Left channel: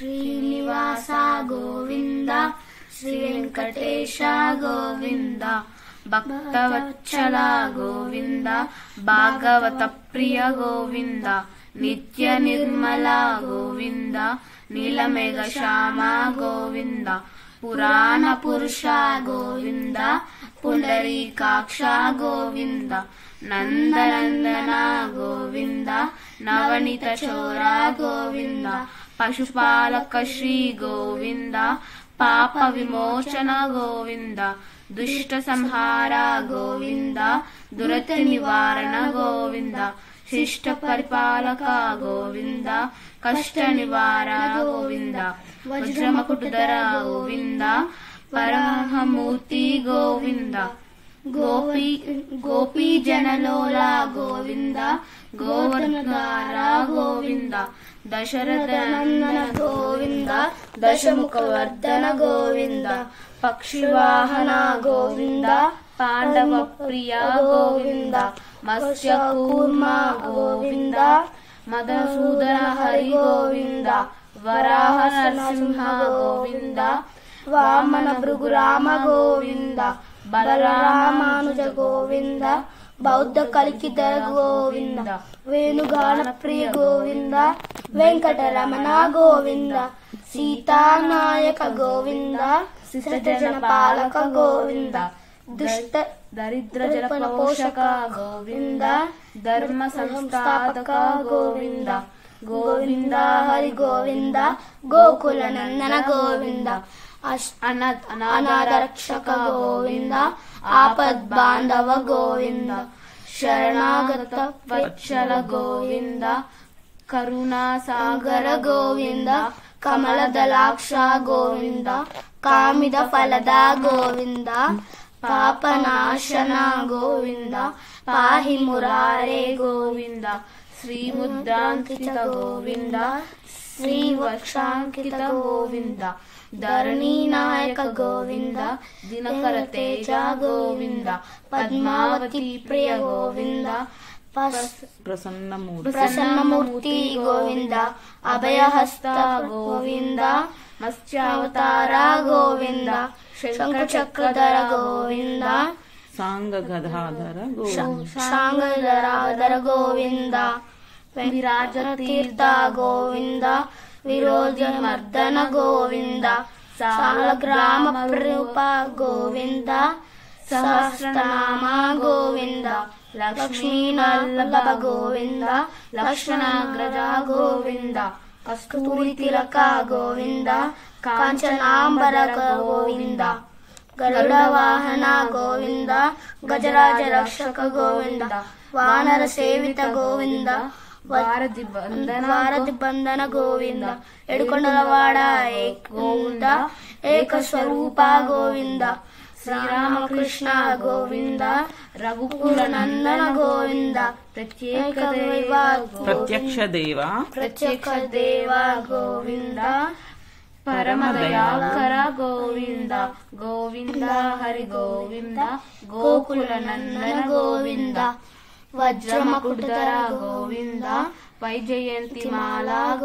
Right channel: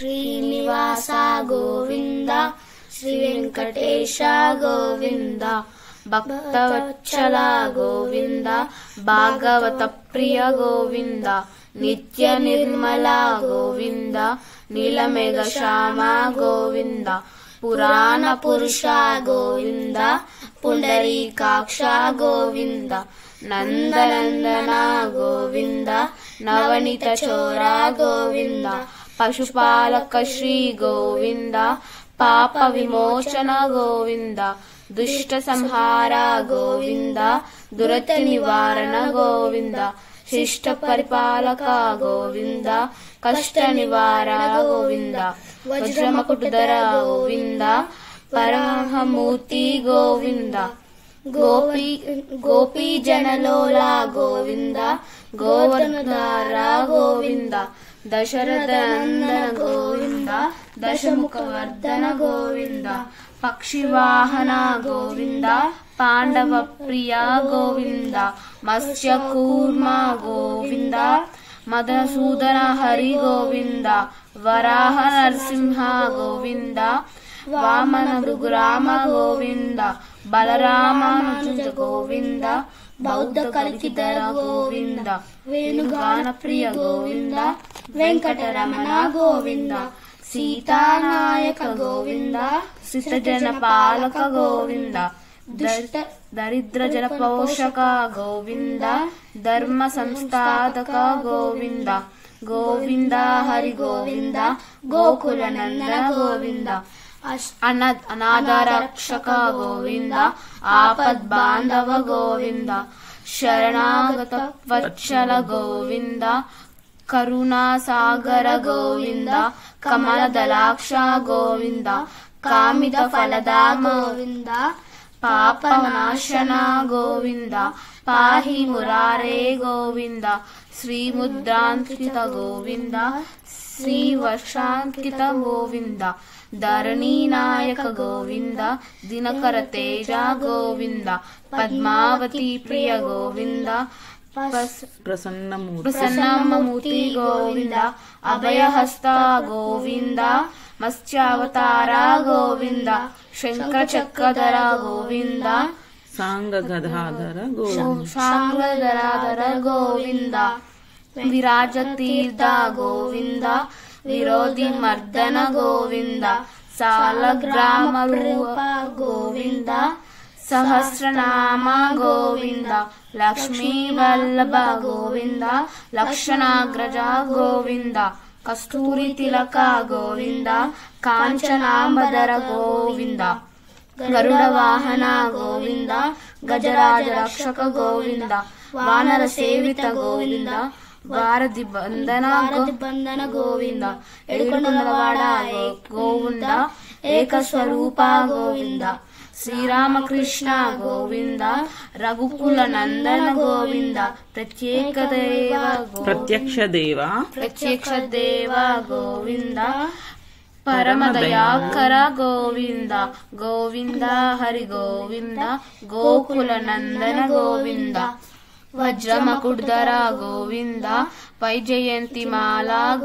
ಶ್ರೀನಿವಾಸ ಗೋವಿಂದ, ಶ್ರೀ ವೆಂಕಟೇಶ ಗೋವಿಂದ, ಭಕ್ತವತ್ಸಲ ಗೋವಿಂದ, ಭಾಗವತ ಪ್ರಿಯ ಗೋವಿಂದ, ನಿತ್ಯ ನಿರ್ಮಲ ಗೋವಿಂದ, ನೀಲಮೇಘ ಶ್ಯಾಮ ಗೋವಿಂದ, ಪುರಾಣ ಪುರುಷ ಗೋವಿಂದ, ಪುಂಡರೀಕಾಕ್ಷ ಗೋವಿಂದ, ನಂದನಂದನ ಗೋವಿಂದ, ನವನಿತ ಚೋರ ಗೋವಿಂದ, ಪಶುಪಾಲಕ ಶ್ರೀ ಗೋವಿಂದ, ಪಾಪ ವಿಮೋಚನ ಗೋವಿಂದ, ದುಷ್ಟ ಸಂಹಾರ ಗೋವಿಂದ, ದುರತ ನಿವಾರಣ ಗೋವಿಂದ, ಶಿಷ್ಟ ಪರಿಪಾಲಕ ಗೋವಿಂದ, ಕಷ್ಟ ನಿವಾರಣ ಗೋವಿಂದ, ವಜ್ರಮಕುಟಧರ ಗೋವಿಂದ, ಪರಮಮೂರ್ತಿ ಗೋವಿಂದ, ಗೋಪಿ ಜನಲೋಲ ಗೋವಿಂದ, ಗೋವರ್ಧನ ಗೋವಿಂದ, ದಶರಥ ನಂದನ ಗೋವಿಂದ, ದಶಮುಖವರ್ಧನ ಗೋವಿಂದ, ಪಕ್ಷಿವಾಹನ ಗೋವಿಂದ, ಪಾಂಡವ ಪ್ರಿಯ ಗೋವಿಂದ, ಮತ್ಸ್ಯ ಕೂರ್ಮ ಗೋವಿಂದ, ಮಧುಸೂದನ ಹರಿ ಗೋವಿಂದ, ವರಾಹ ನರಸಿಂಹ ಗೋವಿಂದ, ವಾಮನ ಭೃಗುರಾಮ ಗೋವಿಂದ, ಬಲರಾಮ ಮಾನುಜ ಗೋವಿಂದ, ಬೌದ್ಧ ಕಲಿಕಿಧರ ಗೋವಿಂದ, ವೇಣುಗಾನ ಪ್ರಿಯ ಗೋವಿಂದ, ವೆಂಕಟರಮಣ ಗೋವಿಂದ, ಸೀತಾನಾಯಕ ಗೋವಿಂದ, ಶಿಷ್ಟಜನ ಪಾಲಕ ಗೋವಿಂದ, ದುಷ್ಟ ದರಿದ್ರ ಜನ ಪೋಷಕ ಗೋವಿಂದ, ಧರ್ಮ ಸಂಸ್ಥಾಪಕ ಗೋವಿಂದ, ಗೋವಿಂದ ಹರಿ ಗೋವಿಂದ, ಗೋಕುಲ ನಂದನ ಗೋವಿಂದ, ಅನಾಥ ರಕ್ಷಕ ಗೋವಿಂದ, ಆಪದ್ ಬಾಂಧವ ಗೋವಿಂದ, ಶರಣಾಗತ ವತ್ಸಲ ಗೋವಿಂದ, ಕರುಣಾ ಸಾಗರ ಗೋವಿಂದ, ಕಮಲದಲಾಕ್ಷ ಗೋವಿಂದ, ಕಾಮಿದ ಫಲದ ಗೋವಿಂದ, ಪಾಪನಾಶನ ಗೋವಿಂದ, ಪಾಹಿ ಮುರಾರೇ ಗೋವಿಂದ, ಶ್ರೀ ಮುದ್ರಾಂಕಿತ ಗೋವಿಂದ, ಶ್ರೀ ವರ್ಷಾಂಕಿತ ಗೋವಿಂದ, ಧರಣಿ ನಾಯಕ ಗೋವಿಂದ, ದಿನಕರ ತೇಜ ಗೋವಿಂದ, ಪದ್ಮಾವತಿ ಪ್ರಿಯ ಗೋವಿಂದ, ಪ್ರಸನ್ನಮೂರ್ತಿ ಗೋವಿಂದ, ಅಭಯಹಸ್ತ ಗೋವಿಂದ, ಮತ್ಸ್ಯಾವತಾರ ಗೋವಿಂದ, ಶಂಕರ ಚಕ್ರಧರ ಗೋವಿಂದ, ಸಾಂಗಗದಾಧರ ಗೋವಿಂದ, ವಿರಾಜ ತೀರ್ಥ ಗೋವಿಂದ, ವಿರೋಧಿ ಮರ್ದನ ಗೋವಿಂದ, ಸಾಲಗ್ರಾಮ ರೂಪ ಗೋವಿಂದ, ಸಹಸ್ರನಾಮ ಗೋವಿಂದ, ಲಕ್ಷ್ಮೀ ವಲ್ಲಭ ಗೋವಿಂದ, ಲಕ್ಷಣಾಗ್ರಜ ಗೋವಿಂದ, ಕಸ್ತೂರಿ ತಿಲಕ ಗೋವಿಂದ, ಕಾಂಚನಾಂಬರ ಗೋವಿಂದ, ಗರುಡ ವಾಹನ ಗೋವಿಂದ, ಗಜರಾಜ ರಕ್ಷಕ ಗೋವಿಂದ, ವಾನರ ಸೇವಿತ ಗೋವಿಂದ, ವಾರಧಿ ಬಂಧನ ಗೋವಿಂದ, ಎಡುಕೊಂಡಲವಾಡ ಗೋವಿಂದ, ಏಕಸ್ವರೂಪ ಗೋವಿಂದ, ಶ್ರೀರಾಮಕೃಷ್ಣ ಗೋವಿಂದ, ರಘುಕುಲ ನಂದನ ಗೋವಿಂದ, ಪ್ರತ್ಯಕ್ಷ ದೇವ ಗೋವಿಂದ, ಪರಮದಯಾಕರ ಗೋವಿಂದ, ಗೋವಿಂದ ಹರಿ ಗೋವಿಂದ, ಗೋಕುಲ ನಂದನ ಗೋವಿಂದ, ವಜ್ರಮಕುಟಧರ ಗೋವಿಂದ, ವೈಜಯಂತಿ ಮಾಲಾ